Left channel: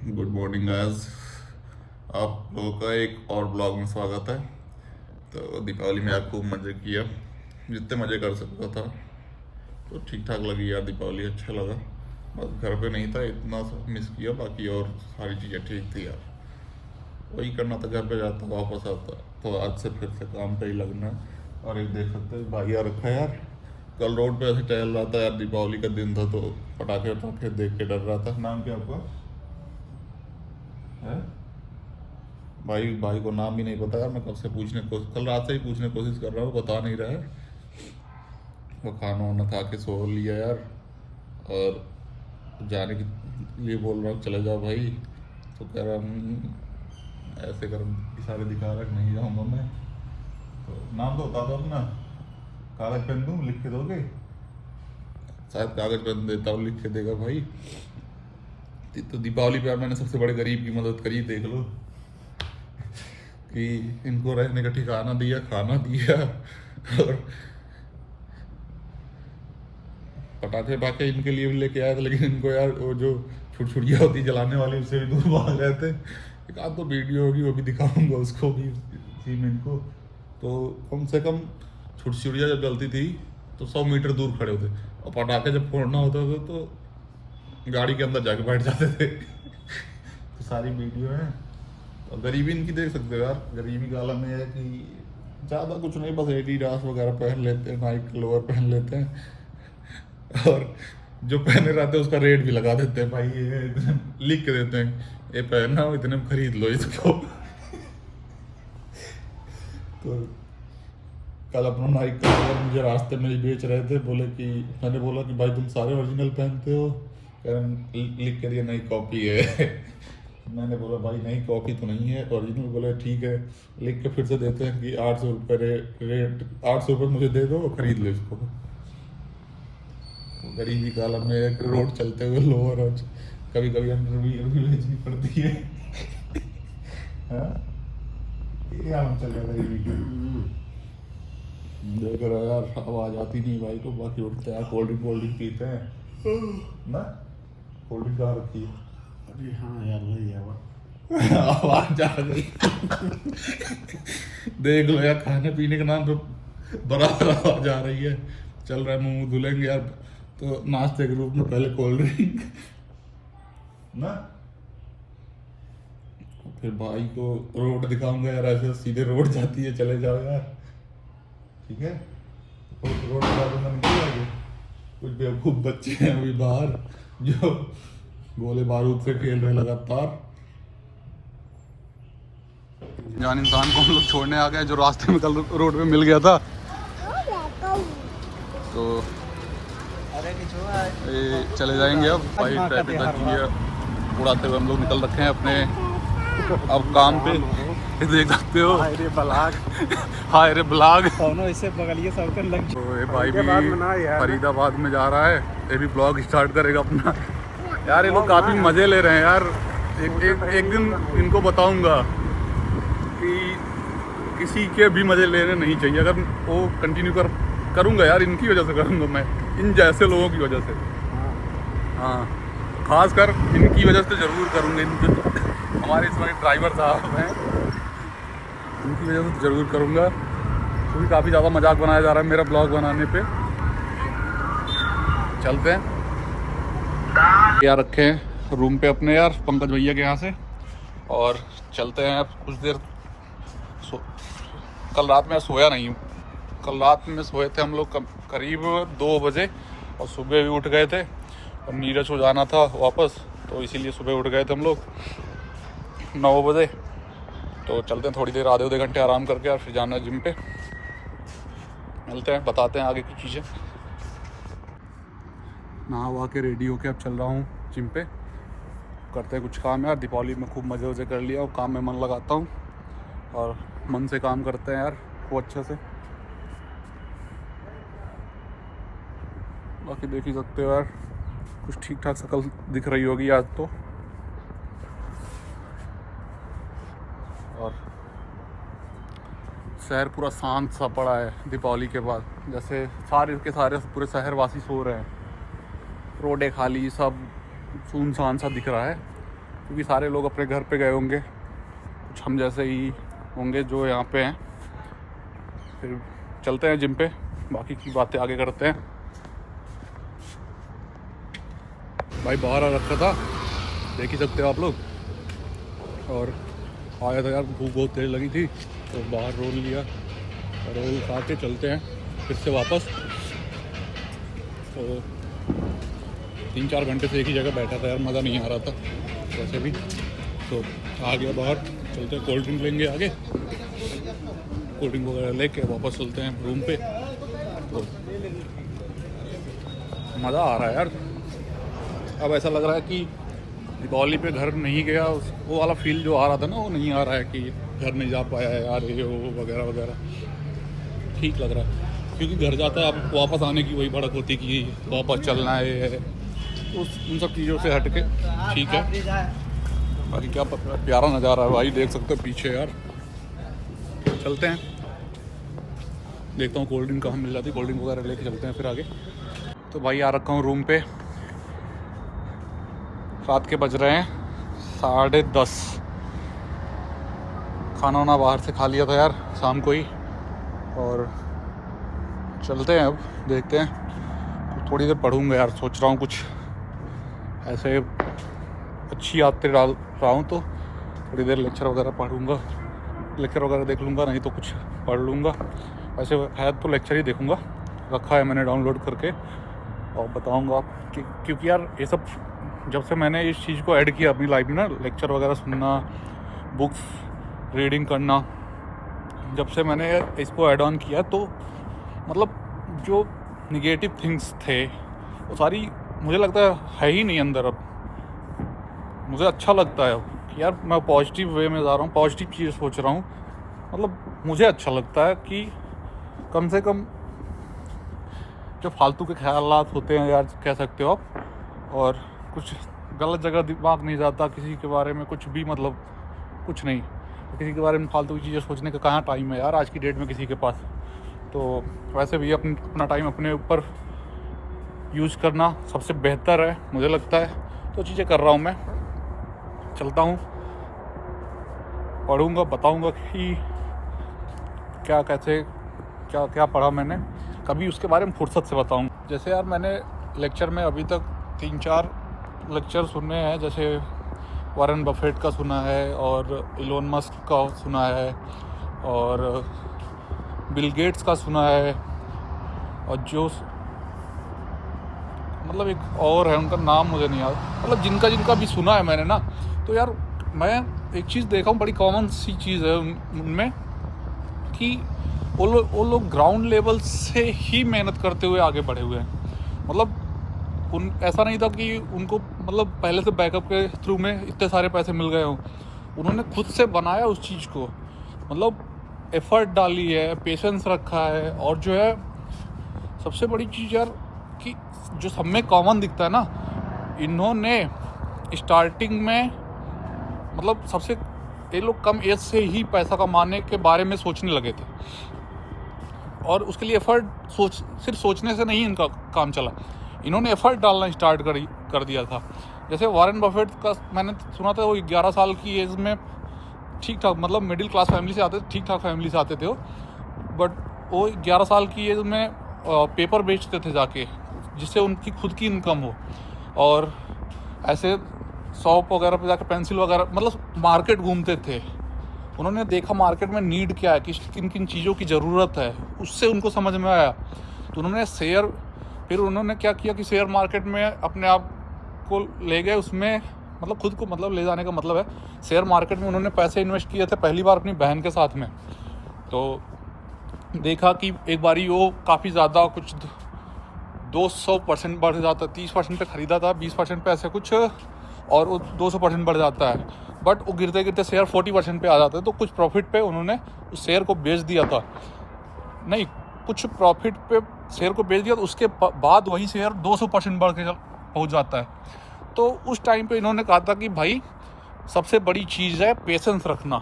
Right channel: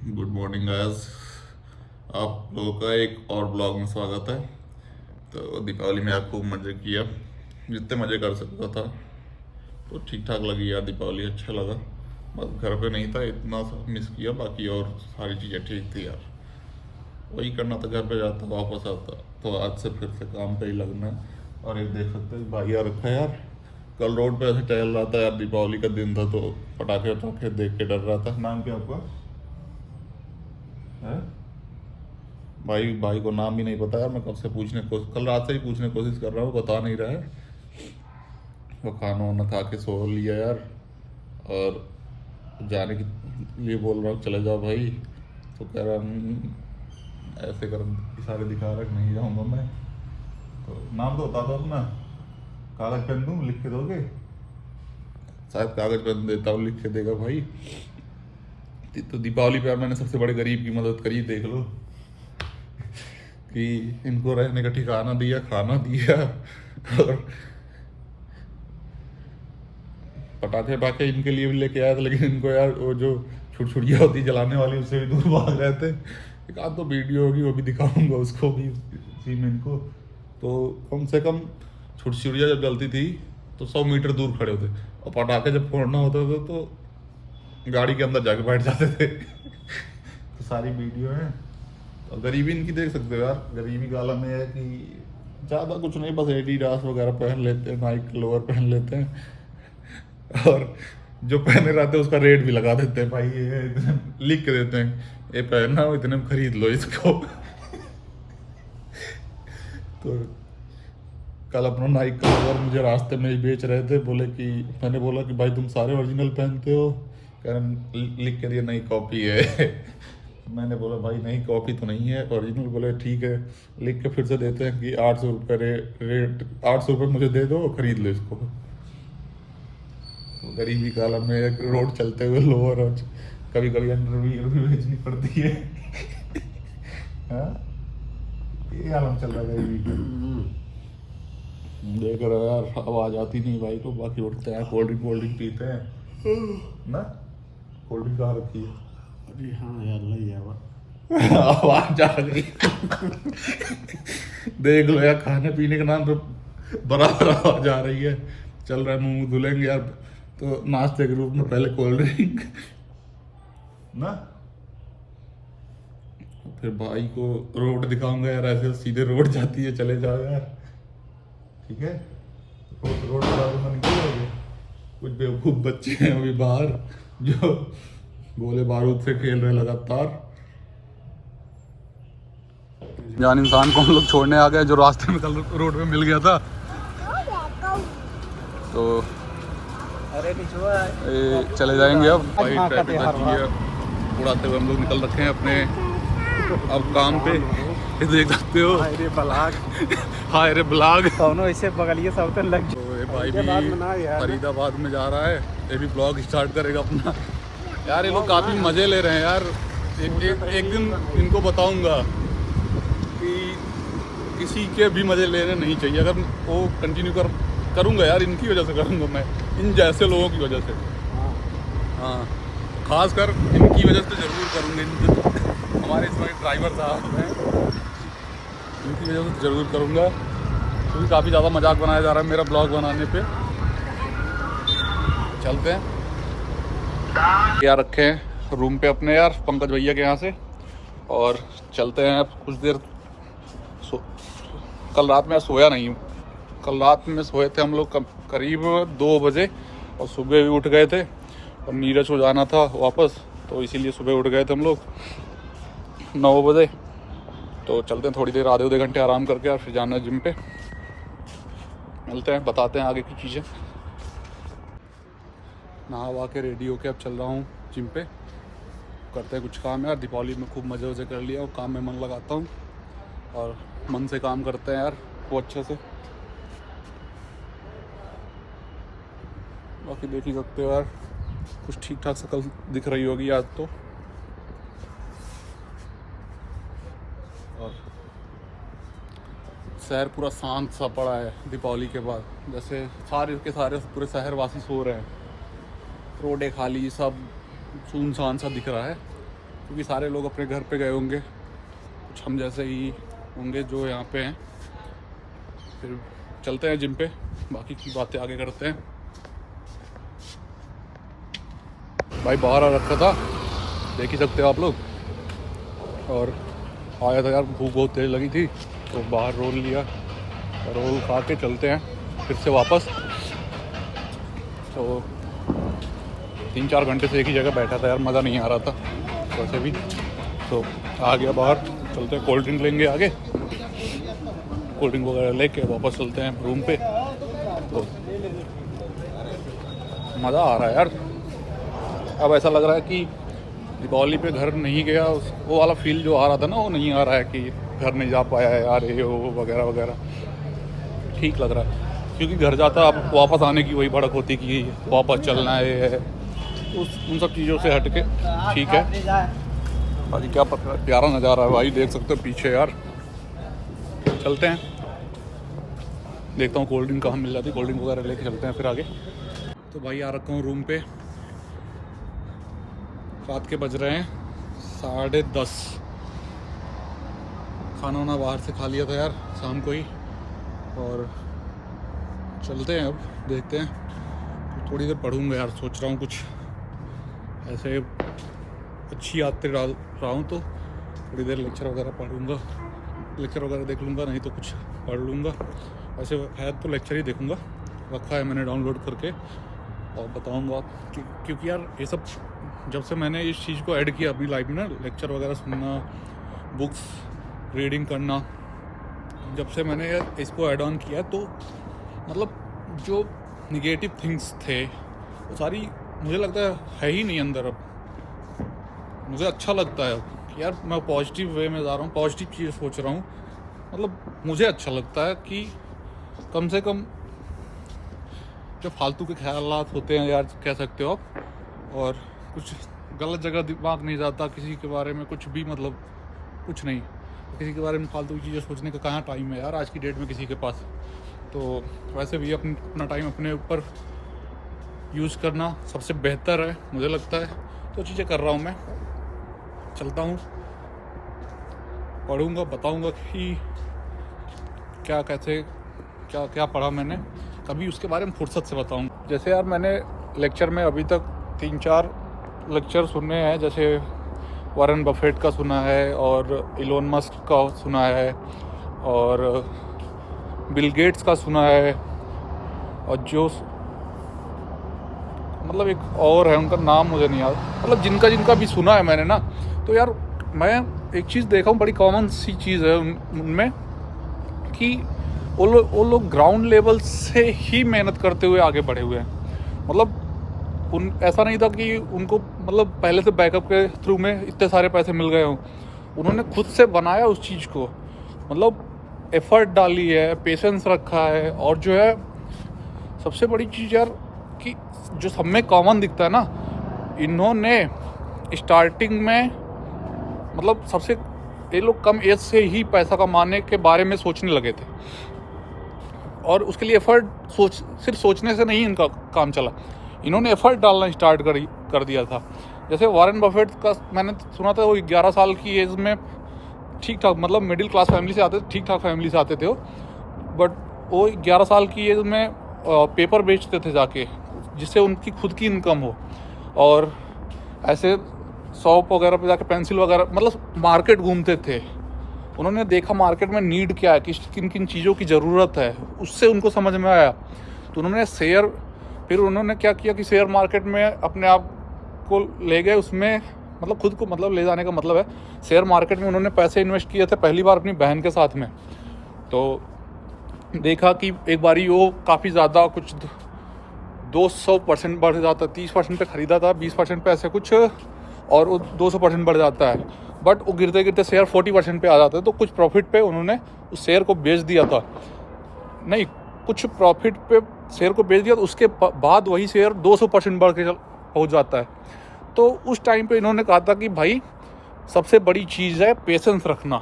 Good morning guys. आप लोगों का एक और ब्लॉग में स्वागत है। तो दीपावली में आप खूब मज़े किया, जितने मज़े कर सकता था। तो ठीक ठाक लगी यार, दीपावली अच्छा लगा। बस घर पे नहीं था, इतना सा मिस किया, बाकी और सारी चीज़ें ठीक थी यार। वही करना था, घर पे जाता वापस आता। तो आज से फिर से काम पे ही लगना है। और एक देख सकते हैं भाई यार रखा है यार, कल रोड पे ऐसे टहल रहा था यार, दीपावली का दिन था तो पटाखे वटाखे देख के डर रहा था। नाम क्या आपका है? भाई भाई को नाम भी नहीं पता यार। मैं कब से कल रात से ही पूछने की कोशिश कर रहा हूँ, बता नहीं रहा है। तो खाना वाना खा के सो लिया यार, और जाने के लिए बोल रहा हूँ चले जाओ भाई। तो कह रहा ऐसे कर इशारे दिखा रहा है कि नहीं जाऊँगा मैं। तो नाम तो बता दो अपना, कागज पेन दूँ लिख के दोगे? शायद कागज पेन देता हूँ, लिख के देगा भाई। तो दीपावली पे यार मैंने सबसे बड़े गरीब की मदद करी, देख लो कि इनको रहने का ठिकाना दिया, खाना दिया, और पटाखे वटाखे इनके लिए भी लेके आया था। लेकिन इनको यार वो जो छुरछुरियाँ होती जलाने वाली, उससे भी दूर भाग रहे थे। एक आध तो वीडियो होगी, वो भी दिखाऊंगा उसको भी इसी में इनको। तो कम से कम छुरछुरियाँ जब जलती थी तो 100 मीटर दूर खड़े होते, और पटाखे जब फोड़ना होता था तो गाड़ी के अंदर जाके बैठ जाते थे। तो सारी वीडियो है। और गरीबी इनकी देख सकते हो यार। गरीबी का आलम ये है कि ज़्यादा कुछ नहीं, बस एडिडास वगैरह पहन लेते हैं, नाइक लोअर पहन लेते हैं, और जो पहने रहते हैं उसका रेट भी लगा देते हैं भाई, ये इतने लिख के देते हैं, ये पहनना हो इतने में खरीद लो इसको। तो कल अपना नाइक का लोअर मुझे रास्ते में ही बेच रहे थे, बोले कि मैंने बोला कि भाई तुम सारे ओरिजिनल पहनते हो? कह रहे लिख के दिया नहीं कॉपी है। मैंने बोला भाई नहीं कॉपी तो नहीं है, ओरिजिनल। बोले ठीक है, लिख के फिर से देते हैं कि 800 रुपये रेट, 800 रुपये मुझे दे दो, खरीद लो इसको। तो गरीबी काल में रोड चलते हुए लोअर और कभी कभी अंडरवियर भी बेचनी पड़ती है। हाँ? ये आलम चल रहा है गरीबी का। देख रहे हो यार, आवाज आती नहीं भाई को, बाकी उठते हैं कोल्ड ड्रिंक पीते हैं ना। कोल्ड ड्रिंक कहाँ रखी है? अरे हाँ यार, लग गया वो। आवाज आ गई। देख लो यार, खाने पीने के नाम पे बराबर आवाज आ रही है। चल रहा है, मुंह धुलेंगे यार तो नाश्ते के रूप में पहले कोल्ड ड्रिंक ना। फिर भाई को रोड दिखाऊंगा यार, ऐसे सीधे रोड जाती है, चले जाओ यार, ठीक है। रोड पर दूंगा, निकल जाएगी। कुछ बेवकूफ बच्चे हैं अभी बाहर जो गोले बारूद से खेल रहे लगातार। जान इंसान को हम लोग छोड़ने आ गए, जो रास्ते में कल रोड पे मिल गया था। तो चले जाएंगे अब भाई, ट्रैफिक लगी है, उड़ाते हुए हम लोग निकल रखे हैं अपने अब काम पे। देख सकते हो, हाय रे ब्लाग, हाय रे ब्लॉग। दोनों ऐसे बगलिए सब तो लग। तो ये भाई भी फरीदाबाद में जा रहा है, ये भी ब्लॉग स्टार्ट करेगा अपना। यार ये लोग काफ़ी मज़े ले रहे हैं यार। एक दिन इनको बताऊंगा कि किसी के भी मज़े लेने नहीं चाहिए। अगर वो कंटिन्यू करूँगा यार, इनकी वजह से करूँगा मैं, इन जैसे लोगों की वजह से। हाँ, खास कर इनकी वजह से ज़रूर करूँगा। इन हमारे इसमें ड्राइवर साहब हैं, इनकी वजह से ज़रूर करूँगा, क्योंकि काफ़ी ज़्यादा मजाक बनाया जा रहा है मेरा ब्लॉग बनाने पे। चलते हैं क्या रखे हैं रूम पे अपने यार, पंकज भैया के यहाँ से, और चलते हैं यार कुछ देर। कल रात में सोया नहीं हूँ। कल रात में सोए थे हम लोग करीब 2 बजे, और सुबह भी उठ गए थे। और नीरज को जाना था वापस, तो इसीलिए सुबह उठ गए थे हम लोग 9 बजे। तो चलते हैं थोड़ी देर, आधे घंटे आराम करके, और फिर जाना है जिम पे। मिलते हैं, बताते हैं आगे की चीज़ें। नहा वहा के रेडी होके अब चल रहा हूँ जिम पे। करते हैं कुछ काम यार, दीपावली में खूब मज़े वज़े कर लिया, और काम में मन लगाता हूँ, और मन से काम करते हैं यार वो अच्छे से। बाकी देख ही सकते हो यार, कुछ ठीक ठाक शक्ल दिख रही होगी आज तो। और शहर पूरा शांत सा पड़ा है दीपावली के बाद, जैसे सारे के सारे पूरे शहरवासी सो रहे हैं। रोडें खाली, सब सुनसान सा दिख रहा है। क्योंकि सारे लोग अपने घर पे गए होंगे, कुछ हम जैसे ही होंगे जो यहाँ पे हैं। फिर चलते हैं जिम पे, बाकी की बातें आगे करते हैं। भाई बाहर आ रखा था, देख ही सकते हो आप लोग, और आया था यार, भूख बहुत तेज़ लगी थी तो बाहर रोल लिया, रोल खा के चलते हैं फिर से वापस। तो 3-4 घंटे से एक ही जगह बैठा था यार, मज़ा नहीं आ रहा था वैसे भी, तो आ गया बाहर। चलते हैं, कोल्ड ड्रिंक लेंगे आगे, कोल्ड ड्रिंक वगैरह लेके वापस चलते हैं रूम पे। तो मज़ा आ रहा है यार, अब ऐसा लग रहा है कि दीपावली पे घर नहीं गया, वो वाला फील जो आ रहा था ना, वो नहीं आ रहा है कि घर नहीं जा पाया है यार, ये वो वगैरह वगैरह। ठीक लग रहा है, क्योंकि घर जाता अब वापस आने की वही भड़क होती कि वापस चलना है, उन सब चीज़ों से हट के ठीक है। बाकी क्या प्यारा नज़ारा है भाई, देख सकते हो पीछे यार। चलते हैं, देखता हूँ कोल्ड ड्रिंक कहाँ मिल जाती, कोल्ड ड्रिंक वगैरह लेके चलते हैं फिर आगे। तो भाई आ रखा हूँ रूम पे, रात के बज रहे हैं 10:30। खाना वाना बाहर से खा लिया था यार शाम को ही, और चलते हैं अब, देखते हैं। थोड़ी देर पढ़ूंगा यार, सोच रहा हूँ कुछ ऐसे अच्छी आदतें डाल रहा हूँ, तो थोड़ी देर लेक्चर वगैरह पढ़ूंगा, लेक्चर वगैरह देख लूँगा, नहीं तो कुछ पढ़ लूँगा। वैसे है तो लेक्चर ही देखूँगा, रखा है मैंने डाउनलोड करके, और बताऊँगा कि क्योंकि यार ये सब जब से मैंने इस चीज़ को ऐड किया अपनी लाइफ में ना, लेक्चर वगैरह सुनना, बुक्स रीडिंग करना, जब से मैंने इसको ऐड ऑन किया, तो मतलब जो निगेटिव थिंग्स थे वो सारी मुझे लगता है ही नहीं अंदर। अब मुझे अच्छा लगता है कि यार मैं पॉजिटिव वे में जा रहा हूँ, पॉजिटिव चीज़ सोच रहा हूँ। मतलब मुझे अच्छा लगता है कि कम से कम जो फालतू के ख्यालात होते हैं यार, कह सकते हो आप, और कुछ गलत जगह दिमाग नहीं जाता किसी के बारे में, कुछ भी, मतलब कुछ नहीं, किसी के बारे में फालतू की चीज़ें सोचने का कहाँ टाइम है यार आज की डेट में किसी के पास। तो वैसे भी अपना टाइम अपने ऊपर यूज़ करना सबसे बेहतर है मुझे लगता है। तो चीज़ें कर रहा हूँ मैं, चलता हूँ, पढ़ूँगा, बताऊँगा कि क्या कैसे क्या क्या पढ़ा मैंने, कभी उसके बारे में फुर्सत से बताऊँगा। जैसे यार मैंने लेक्चर में अभी तक 3-4 लेक्चर सुने हैं, जैसे वॉरेन बफेट का सुना है, और इलोन मस्क का सुना है, और बिल गेट्स का सुना है, और जो मतलब एक और है, उनका नाम मुझे नहीं याद, मतलब जिनका भी सुना है मैंने ना, तो यार मैं एक चीज़ देखा हूँ, बड़ी कॉमन सी चीज़ है उनमें, कि वो लोग ग्राउंड लेवल से ही मेहनत करते हुए आगे बढ़े हुए हैं। मतलब ऐसा नहीं था कि उनको मतलब पहले से बैकअप के थ्रू में इतने सारे पैसे मिल गए हों, उन्होंने खुद से बनाया उस चीज़ को, मतलब एफर्ट डाली है, पेशेंस रखा है, और जो है सबसे बड़ी चीज़ यार कि जो सब में कॉमन दिखता है ना, इन्होंने स्टार्टिंग में मतलब सबसे ये लोग कम एज से ही पैसा कमाने के बारे में सोचने लगे थे, और उसके लिए एफर्ट सिर्फ सोचने से नहीं इनका काम चला, इन्होंने एफर्ट डालना स्टार्ट कर दिया था। जैसे वॉरेन बफेट का मैंने सुना था, वो 11 साल की एज में ठीक ठाक, मतलब मिडिल क्लास फैमिली से आते थे, ठीक ठाक फैमिली से आते थे वो, बट वो 11 साल की एज में पेपर बेचते थे जाके, जिससे उनकी खुद की इनकम हो, और ऐसे शॉप वगैरह पे जाकर पेंसिल वगैरह, मतलब मार्केट घूमते थे। उन्होंने देखा मार्केट में नीड क्या है, किन किन चीज़ों की ज़रूरत है, उससे उनको समझ में आया। तो उन्होंने फिर उन्होंने क्या किया कि शेयर मार्केट में अपने आप को ले गए, उसमें मतलब खुद को, मतलब ले जाने का मतलब है, शेयर मार्केट में उन्होंने पैसे इन्वेस्ट किए थे पहली बार अपनी बहन के साथ में। तो देखा कि एक बारी वो काफ़ी ज़्यादा, कुछ 200% बढ़ जाता, 30% पे खरीदा था, 20% पे ऐसे कुछ, और वो 200% बढ़ जाता है, बट वो गिरते गिरते शेयर 40% पे आ जाता है। तो कुछ प्रॉफिट पे उन्होंने उस शेयर को बेच दिया था, नहीं कुछ प्रॉफिट पे शेयर को बेच दिया, तो उसके बाद वही शेयर 200% बढ़ के हो जाता है। तो उस टाइम पे इन्होंने कहा था कि भाई सबसे बड़ी चीज़ है पेशेंस रखना,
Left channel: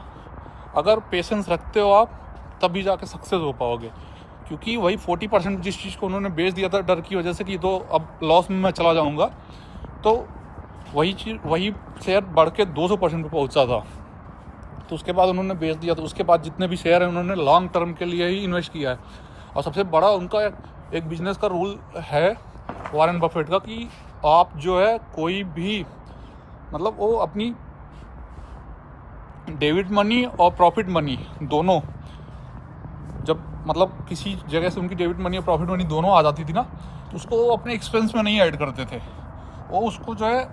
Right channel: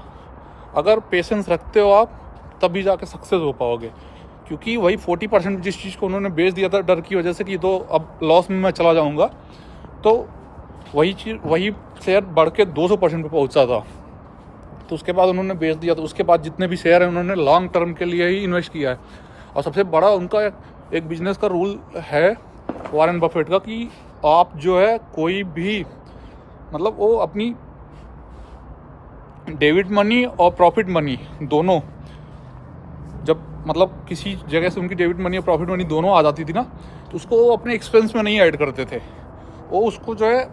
अगर पेशेंस रखते हो आप तभी जाके सक्सेस हो पाओगे। क्योंकि वही 40% जिस चीज़ को उन्होंने बेच दिया था डर की वजह से कि तो अब लॉस में मैं चला जाऊंगा, तो वही शेयर बढ़ के 200% पे पहुंचा था। तो उसके बाद उन्होंने बेच दिया। तो उसके बाद जितने भी शेयर हैं उन्होंने लॉन्ग टर्म के लिए ही इन्वेस्ट किया है। और सबसे बड़ा उनका एक बिजनेस का रूल है वॉरेन बफेट का कि आप जो है कोई भी मतलब वो अपनी डेबिट मनी और प्रॉफिट मनी दोनों जब मतलब किसी जगह से उनकी डेबिट मनी और प्रॉफिट मनी दोनों आ जाती थी ना, तो उसको वो अपने एक्सपेंस में नहीं ऐड करते थे। वो उसको जो है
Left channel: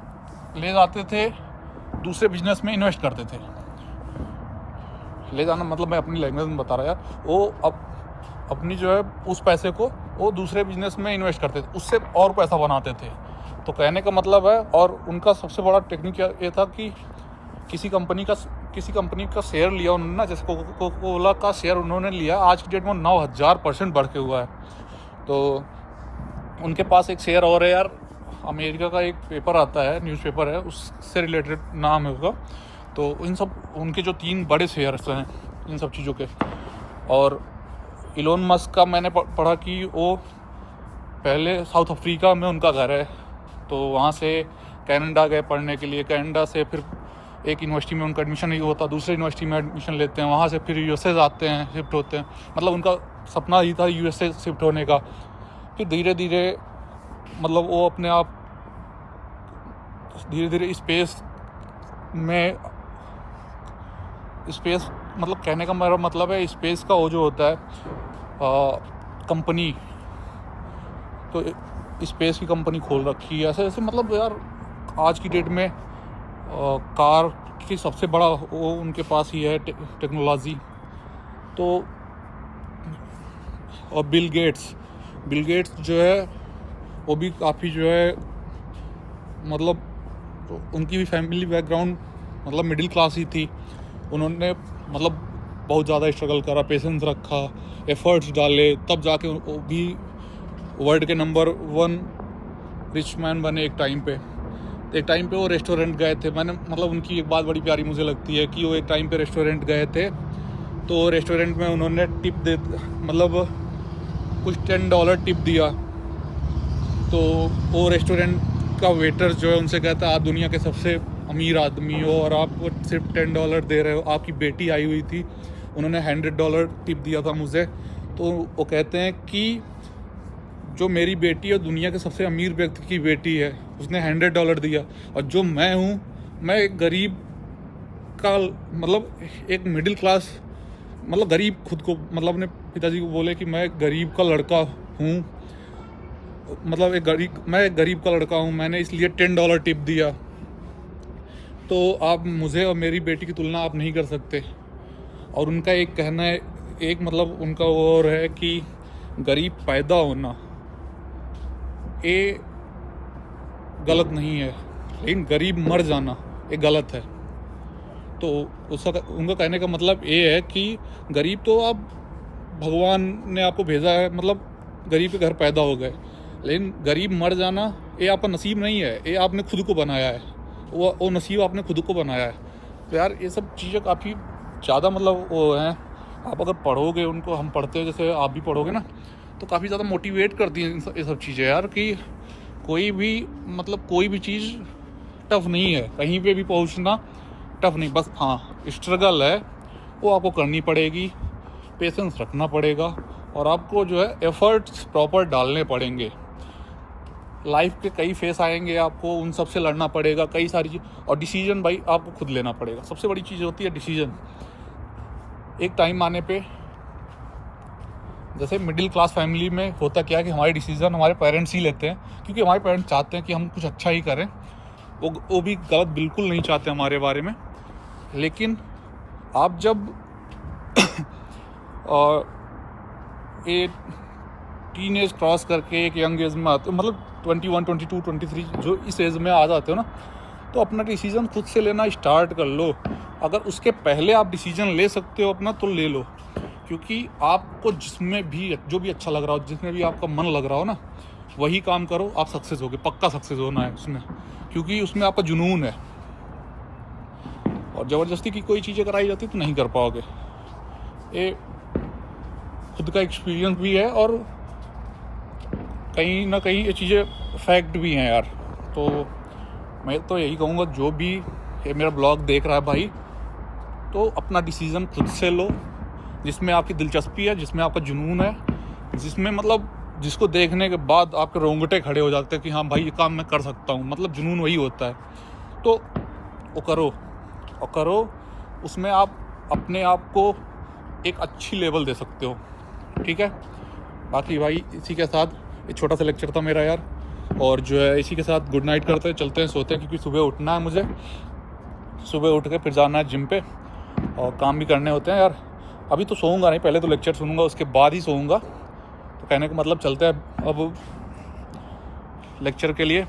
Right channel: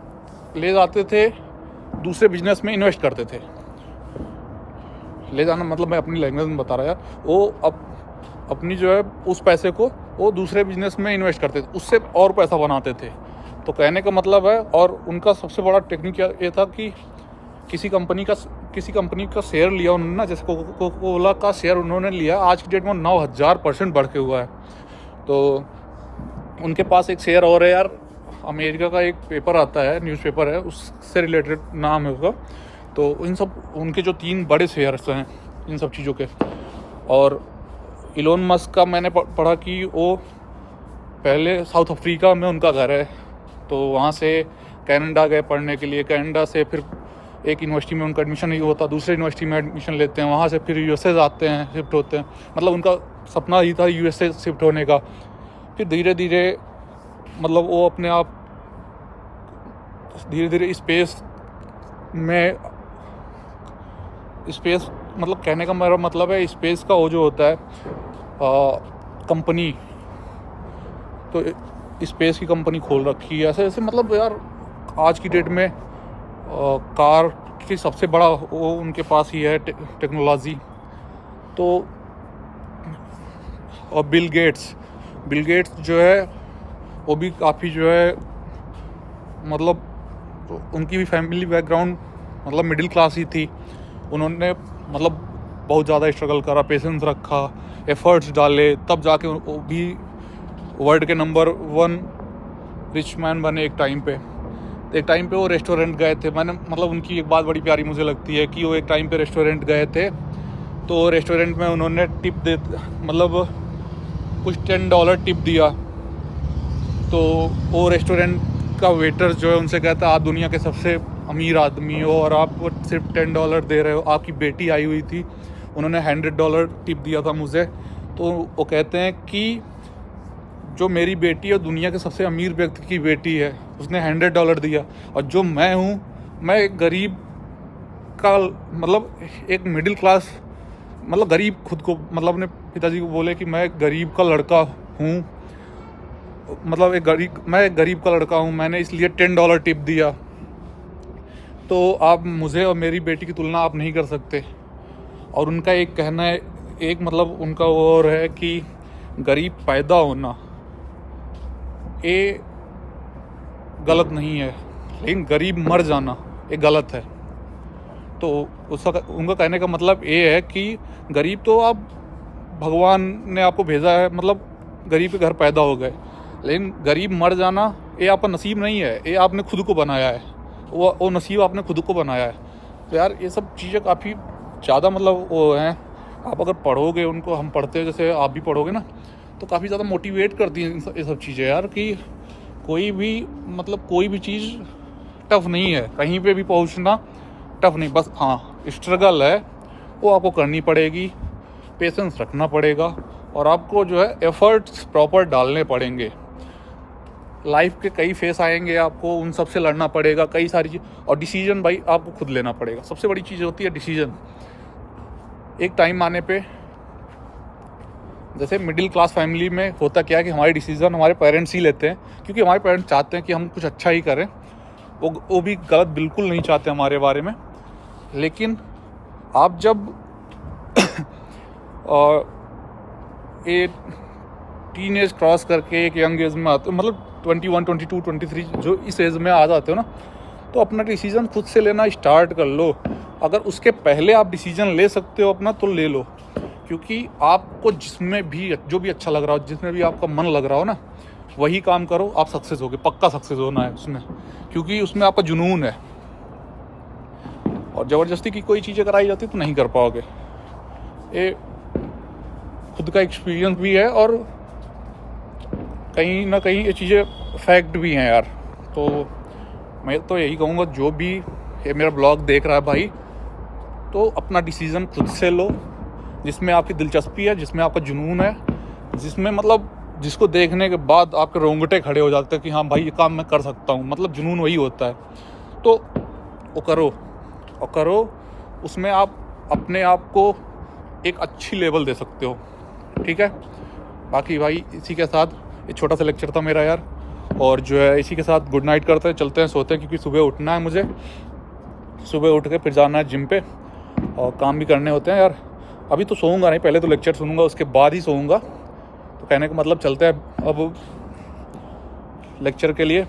ले जाते थे दूसरे बिजनेस में इन्वेस्ट करते थे। ले जाना मतलब मैं अपनी लैंग्वेज में बता रहा था, वो अपनी जो है उस पैसे को वो दूसरे बिजनेस में इन्वेस्ट करते थे, उससे और पैसा बनाते थे। तो कहने का मतलब है, और उनका सबसे बड़ा टेक्निक ये था कि किसी कंपनी का शेयर लिया उन्होंने, जैसे कोका-कोला का शेयर उन्होंने लिया, आज की डेट में 9000% बढ़ के हुआ है। तो उनके पास एक शेयर और है यार, अमेरिका का एक पेपर आता है, न्यूज़पेपर है, उससे रिलेटेड नाम है उसका। तो उनके जो 3 बड़े शेयर्स हैं इन सब चीज़ों के। और इलोन मस्क का मैंने पढ़ा कि वो पहले साउथ अफ्रीका में उनका घर है, तो वहाँ से कनाडा गए पढ़ने के लिए। कनाडा से फिर एक यूनिवर्सिटी में उनका एडमिशन नहीं होता, दूसरे यूनिवर्सिटी में एडमिशन लेते हैं, वहाँ से फिर यूएसए जाते हैं, शिफ्ट होते हैं। मतलब उनका सपना ही था यूएसए शिफ्ट होने का। फिर धीरे धीरे मतलब वो अपने आप धीरे धीरे स्पेस मतलब कहने का मेरा मतलब है स्पेस का वो जो होता है कंपनी, तो स्पेस की कंपनी खोल रखी है। ऐसे ऐसे मतलब यार आज की डेट में कार की सबसे बड़ा वो उनके पास ही है टेक्नोलॉजी। तो और बिल गेट्स जो है वो भी काफ़ी जो है मतलब उनकी भी फैमिली बैकग्राउंड मतलब मिडिल क्लास ही थी। उन्होंने मतलब बहुत ज़्यादा स्ट्रगल करा, पेशेंस रखा, एफर्ट्स डाले, तब जाके वो भी वर्ल्ड के नंबर 1 रिच मैन बने एक टाइम पे। एक टाइम पे वो रेस्टोरेंट गए थे। मैंने मतलब उनकी एक बात बड़ी प्यारी मुझे लगती है कि वो एक टाइम पे रेस्टोरेंट गए थे, तो रेस्टोरेंट में उन्होंने टिप दे मतलब कुछ $10 टिप दिया। तो वो रेस्टोरेंट का वेटर जो है उनसे कहता आप दुनिया के सबसे अमीर आदमी हो और आप सिर्फ $10 दे रहे हो। आपकी बेटी आई हुई थी, उन्होंने $100 टिप दिया था मुझे। तो वो कहते हैं कि जो मेरी बेटी है दुनिया के सबसे अमीर व्यक्ति की बेटी है, उसने $100 दिया, और जो मैं हूँ, मैं एक गरीब का मतलब एक मिडिल क्लास मतलब गरीब खुद को मतलब अपने पिताजी को बोले कि मैं एक गरीब का लड़का हूँ, मतलब मैं एक गरीब का लड़का हूँ, मैंने इसलिए $10 टिप दिया। तो आप मुझे और मेरी बेटी की तुलना आप नहीं कर सकते। और उनका एक कहना है, एक मतलब उनका वो और है कि गरीब पैदा होना ये गलत नहीं है, लेकिन गरीब मर जाना ये गलत है। तो उनका कहने का मतलब ये है कि गरीब तो आप भगवान ने आपको भेजा है, मतलब गरीब के घर पैदा हो गए, लेकिन गरीब मर जाना ये आपका नसीब नहीं है, ये आपने खुद को बनाया है, वो नसीब आपने खुद को बनाया है। तो यार ये सब चीज़ें काफ़ी ज़्यादा मतलब वो हैं, आप अगर पढ़ोगे उनको, हम पढ़ते हैं जैसे आप भी पढ़ोगे ना, तो काफ़ी ज़्यादा मोटिवेट करती हैं ये सब चीज़ें यार, कि कोई भी चीज़ टफ नहीं है, कहीं पे भी पहुंचना टफ नहीं, बस हाँ स्ट्रगल है वो आपको करनी पड़ेगी, पेशेंस रखना पड़ेगा, और आपको जो है एफर्ट्स प्रॉपर डालने पड़ेंगे। लाइफ के कई फेस आएंगे, आपको उन सब से लड़ना पड़ेगा, कई सारी चीज़, और डिसीजन भाई आपको खुद लेना पड़ेगा। सबसे बड़ी चीज़ होती है डिसीजन। एक टाइम आने पे जैसे मिडिल क्लास फैमिली में होता क्या है कि हमारे डिसीजन हमारे पेरेंट्स ही लेते हैं, क्योंकि हमारे पेरेंट्स चाहते हैं कि हम कुछ अच्छा ही करें, वो भी गलत बिल्कुल नहीं चाहते हमारे बारे में। लेकिन आप जब एक टीन एज क्रॉस करके एक यंग एज में आते हो, मतलब 21, 22, 23 जो इस एज में आ जाते हो ना, तो अपना डिसीजन खुद से लेना स्टार्ट कर लो। अगर उसके पहले आप डिसीजन ले सकते हो अपना, तो ले लो, क्योंकि आपको जिसमें भी जो भी अच्छा लग रहा हो, जिसमें भी आपका मन लग रहा हो ना, वही काम करो, आप सक्सेस होगे, पक्का सक्सेस होना है उसमें, क्योंकि उसमें आपका जुनून है। और ज़बरदस्ती की कोई चीज़ें कराई जाती तो नहीं कर पाओगे। ये खुद का एक्सपीरियंस भी है, और कहीं ना कहीं ये चीज़ें फैक्ट भी हैं यार। तो मैं तो यही कहूँगा, जो भी ये मेरा ब्लॉग देख रहा है भाई, तो अपना डिसीजन खुद से लो, जिसमें आपकी दिलचस्पी है, जिसमें आपका जुनून है, जिसमें मतलब जिसको देखने के बाद आपके रोंगटे खड़े हो जाते हैं कि हाँ भाई ये काम मैं कर सकता हूँ, मतलब जुनून वही होता है। तो वो करो, उसमें आप अपने आप को एक अच्छी लेवल दे सकते हो, ठीक है। बाकी भाई इसी के साथ एक छोटा सा लेक्चर था मेरा यार, और जो है इसी के साथ गुड नाइट करते हैं, चलते हैं, सोते हैं, क्योंकि सुबह उठना है मुझे, सुबह उठ के फिर जाना है जिम पे और काम भी करने होते हैं यार। अभी तो सोऊंगा नहीं, पहले तो लेक्चर सुनूंगा, उसके बाद ही सोऊंगा। तो कहने का मतलब चलते हैं अब लेक्चर के लिए,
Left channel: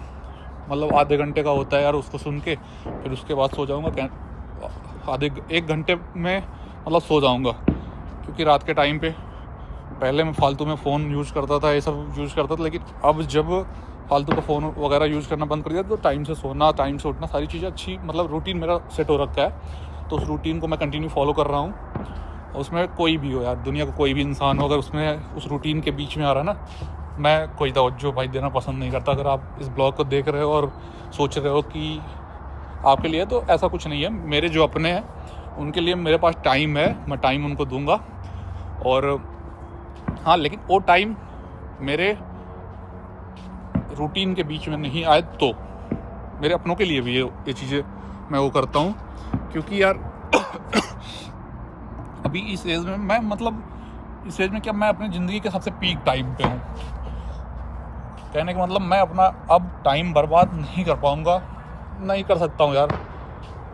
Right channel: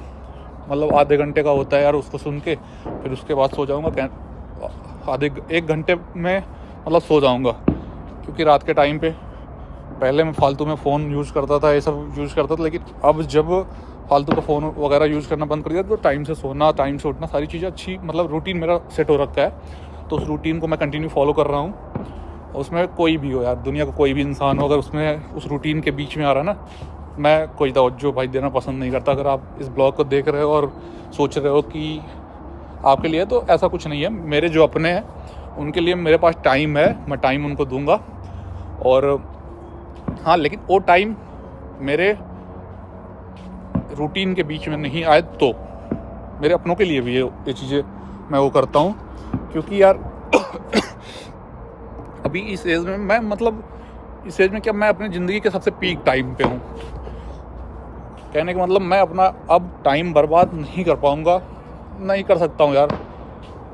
मतलब आधे घंटे का होता है यार, उसको सुन के फिर उसके बाद सो जाऊंगा। आधे 1 घंटे में मतलब सो जाऊंगा, क्योंकि रात के टाइम पे पहले मैं फालतू में फ़ोन यूज़ करता था, ये सब यूज़ करता था, लेकिन अब जब फालतू का फ़ोन वगैरह यूज़ करना बंद कर दिया तो टाइम से सोना, टाइम से उठना, सारी चीज़ें अच्छी, मतलब रूटीन मेरा सेट हो रखा है। तो उस रूटीन को मैं कंटिन्यू फॉलो कर रहा हूँ। उसमें कोई भी हो यार, दुनिया का कोई भी इंसान हो, अगर उसमें उस रूटीन के बीच में आ रहा है ना, मैं कोई तवज्जो भाई देना पसंद नहीं करता। अगर आप इस ब्लॉग को देख रहे हो और सोच रहे हो कि आपके लिए, तो ऐसा कुछ नहीं है। मेरे जो अपने हैं उनके लिए मेरे पास टाइम है, मैं टाइम उनको दूंगा। और हाँ, लेकिन वो टाइम मेरे रूटीन के बीच में नहीं आए तो मेरे अपनों के लिए भी ये चीज़ें मैं वो करता हूँ, क्योंकि यार अभी इस एज में मैं, मतलब इस एज में क्या, मैं अपनी ज़िंदगी के सबसे पीक टाइम पे हूँ। कहने का मतलब मैं अपना अब टाइम बर्बाद नहीं कर पाऊँगा, नहीं कर सकता हूँ यार,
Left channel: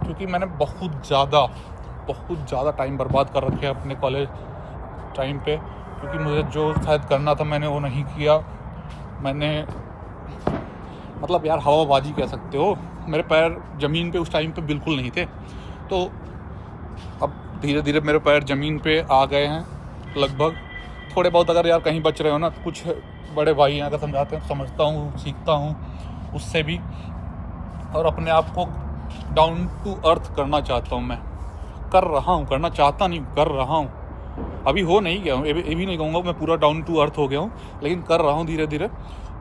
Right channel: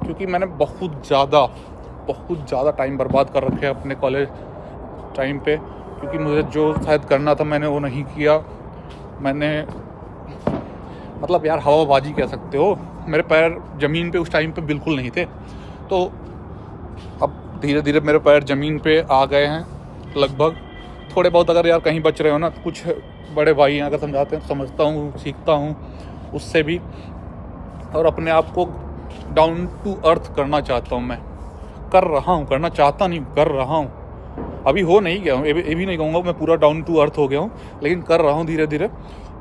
क्योंकि मैंने बहुत ज़्यादा टाइम बर्बाद कर रखे हैं अपने कॉलेज टाइम पे, क्योंकि मुझे जो शायद करना था मैंने वो नहीं किया। मैंने मतलब यार हवाबाजी कह सकते हो, मेरे पैर ज़मीन पे उस टाइम पे बिल्कुल नहीं थे। तो अब धीरे धीरे मेरे पैर ज़मीन पे आ गए हैं लगभग, थोड़े बहुत अगर यार कहीं बच रहे हो ना, कुछ बड़े भाई हैं अगर समझाते हैं, समझता हूँ, सीखता हूँ उससे भी, और अपने आप को डाउन टू अर्थ करना चाहता हूँ। मैं कर रहा हूँ, करना चाहता नहीं, कर रहा हूँ। अभी हो नहीं गया हूँ, ये भी नहीं कहूँगा मैं पूरा डाउन टू अर्थ हो गया हूँ, लेकिन कर रहा हूँ धीरे धीरे,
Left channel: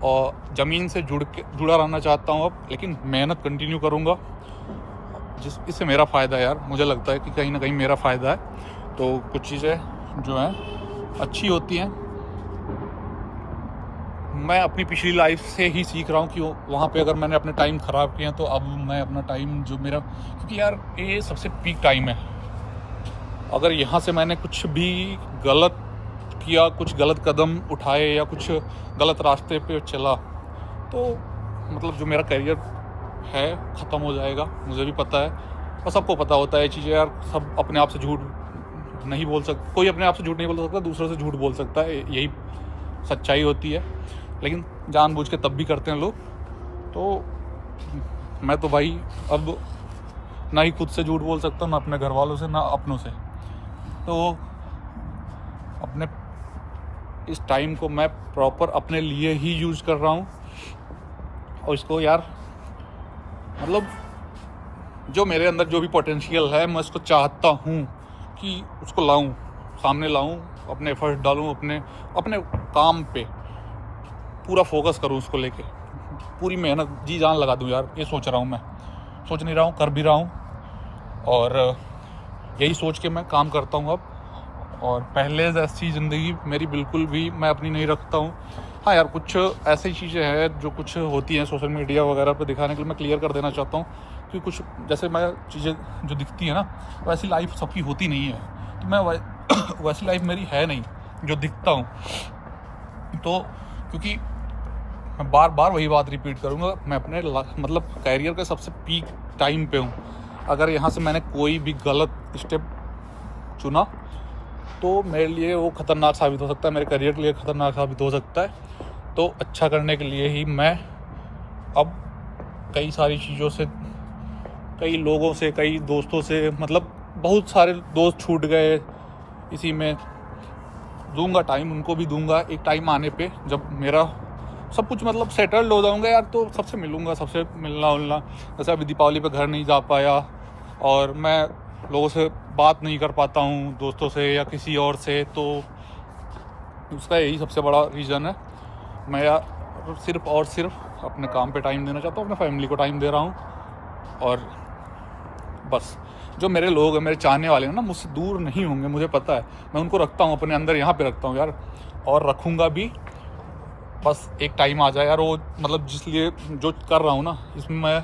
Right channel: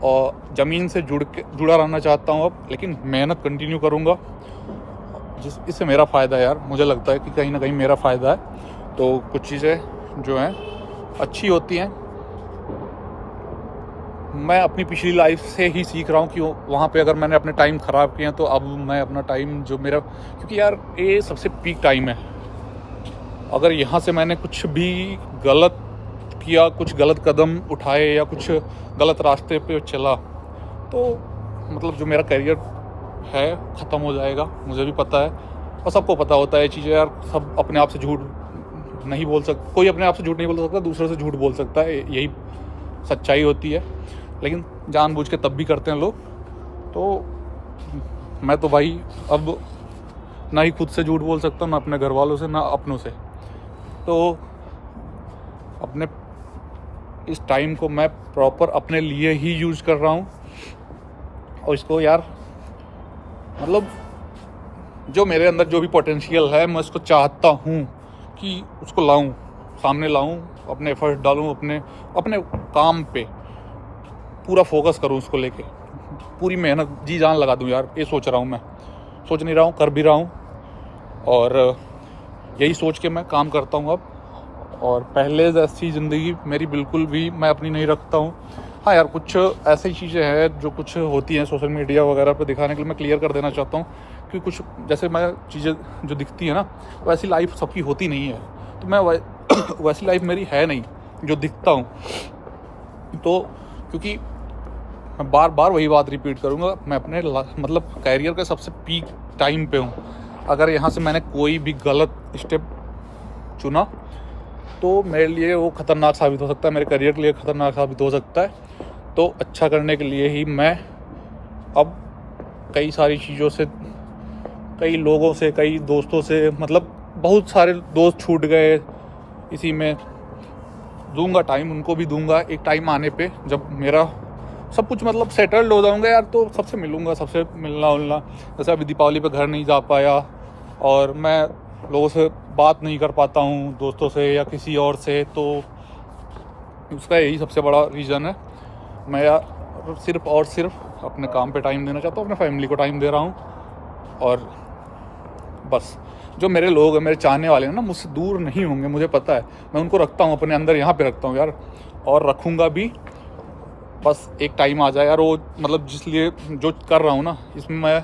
और ज़मीन से जुड़ा रहना चाहता हूँ अब, लेकिन मेहनत कंटिन्यू करूँगा, इससे मेरा फ़ायदा है यार। मुझे लगता है कि कहीं ना कहीं मेरा फ़ायदा है। तो कुछ चीज़ें जो हैं अच्छी होती हैं, मैं अपनी पिछली लाइफ से ही सीख रहा हूँ कि वहाँ पे अगर मैंने अपने टाइम ख़राब किए हैं, तो अब मैं अपना टाइम जो मेरा, क्योंकि यार ये सबसे पीक टाइम है। अगर यहाँ से मैंने कुछ भी गलत किया, कुछ गलत कदम उठाए या कुछ गलत रास्ते पे चला, तो मतलब जो मेरा करियर है ख़त्म हो जाएगा, मुझे भी पता है और सबको पता होता है ये चीज़ें यार। सब अपने आप से झूठ नहीं बोल सकता, कोई अपने आप से झूठ नहीं बोल सकता, दूसरे से झूठ बोल सकता है, यही सच्चाई होती है, लेकिन जानबूझ के तब भी करते हैं लोग। तो मैं तो भाई अब ना ही खुद से झूठ बोल सकता हूँ, ना अपने घर वालों से, ना अपनों से। तो अपने इस टाइम को मैं प्रॉपर अपने लिए ही यूज़ कर रहा हूँ, और इसको यार मतलब जो मेरे अंदर जो भी पोटेंशियल है, मैं उसको चाहता हूँ कि उसको लाऊं, सामने लाऊं, अपने एफर्ट डालूं, अपने काम पे पूरा फोकस करूं, उसको लेके पूरी मेहनत जी जान लगा दूं यार। ये सोच रहा हूं, मैं सोच नहीं रहा हूं, कर भी रहा हूं, और यही सोच के मैं काम करता हूं अब। और पहले जैसी ज़िंदगी मेरी बिल्कुल भी मैं अपनी नहीं रखता हूं। हाँ यार, कुछ ऐसी चीज़ें हैं जो कुछ होती हैं सोशल मीडिया वगैरह पे दिखाने के लिए, मैं क्लियर कर देना चाहता हूँ कि कुछ जैसे मैं चीज़ें जो दिखती है ना, वैसी लाइफ सबकी होती नहीं है। तो मैं वैसी लाइफ मेरी है नहीं जो दिखता हूँ। तो क्योंकि मैं बार बार वही बात रिपीट करूँगा, मैं अपने मतलब कैरियर के सबसे पीक टाइम पे हूँ। अगर यहाँ से मैंने कोई भी गलत स्टेप चुना तो मेरे लिए वो ख़तरनाक साबित हो सकता है, मेरे करियर के लिए ख़तरनाक साबित हो सकता है। तो अच्छा करने के लिए ही मैं अब कई सारी चीज़ों से, कई लोगों से, कई दोस्तों से, मतलब बहुत सारे दोस्त छूट गए, इसी में दूंगा टाइम, उनको भी दूंगा एक टाइम आने पे, जब मेरा सब कुछ मतलब सेटल्ड हो जाऊंगा यार, तो सबसे मिलूंगा, सबसे मिलना उलना। जैसे अभी दीपावली पे घर नहीं जा पाया और मैं लोगों से बात नहीं कर पाता हूँ, दोस्तों से या किसी और से, तो उसका यही सबसे बड़ा रीज़न है। मैं सिर्फ और सिर्फ अपने काम पे टाइम देना चाहता हूँ, अपने फैमिली को टाइम दे रहा हूँ। और बस जो मेरे लोग हैं, मेरे चाहने वाले हैं ना, मुझसे दूर नहीं होंगे, मुझे पता है। मैं उनको रखता हूँ अपने अंदर, यहाँ पे रखता हूँ यार, और रखूँगा भी। बस एक टाइम आ जाए यार, वो मतलब जिसलिए जो कर रहा हूँ ना, इसमें मैं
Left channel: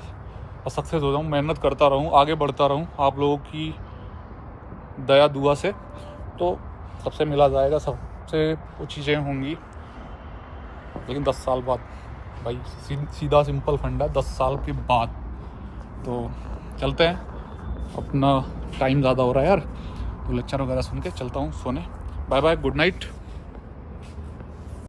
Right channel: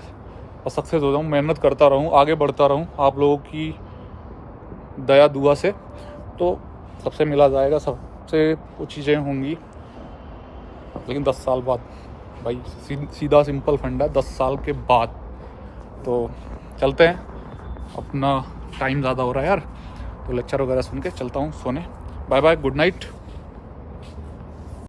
सक्सेस हो जाऊँ, मेहनत करता रहूँ, आगे बढ़ता रहूँ आप लोगों की दया दुआ से, तो सबसे मिला जाएगा, सबसे वो चीज़ें होंगी। लेकिन 10 साल बाद भाई, सीधा सिंपल फंडा, 10 साल के बाद। तो चलते हैं, अपना टाइम ज़्यादा हो रहा है यार, तो लेक्चर वगैरह सुन के चलता हूँ सोने। Bye bye, good night.